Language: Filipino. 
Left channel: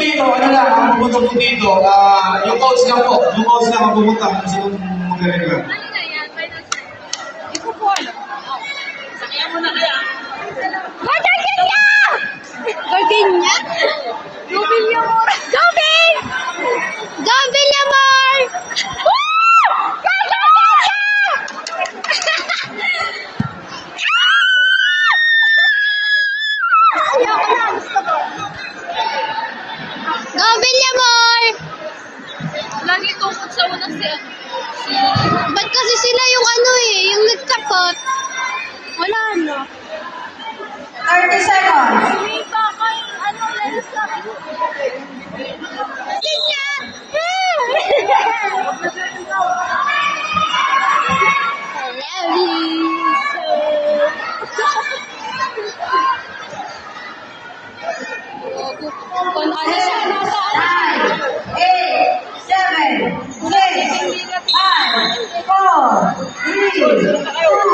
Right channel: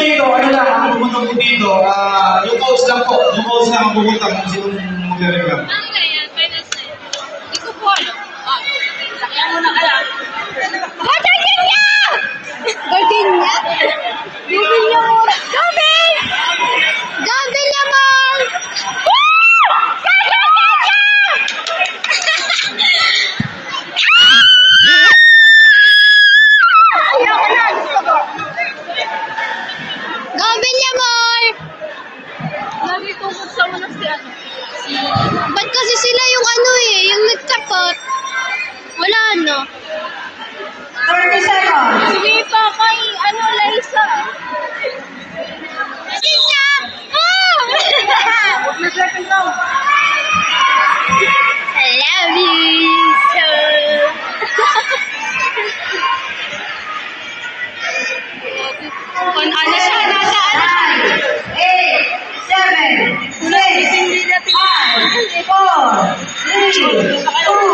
dito, ano lang, ang pupunta po dito, yung coach lang po. Yung coach lang ang pupunta kung sinong magre-reklamo. Hindi ko po alam. Sakyan mo na kaya. Gardenia! Gardenia? Gardenia mo. Gabi! Gabi naman! Ayoko na, gusto ko. Gabi naman! Lagi tungkol sa unang si ano. Ba't kasi sila yung ano yung nagkapot? Wala na. 30 seconds. Sumipa kay ano, Larissa. Kanya! I love you so. Kung ano siya, nasa ano. 9, 8, 7, 6, 5, 4, 3, 2,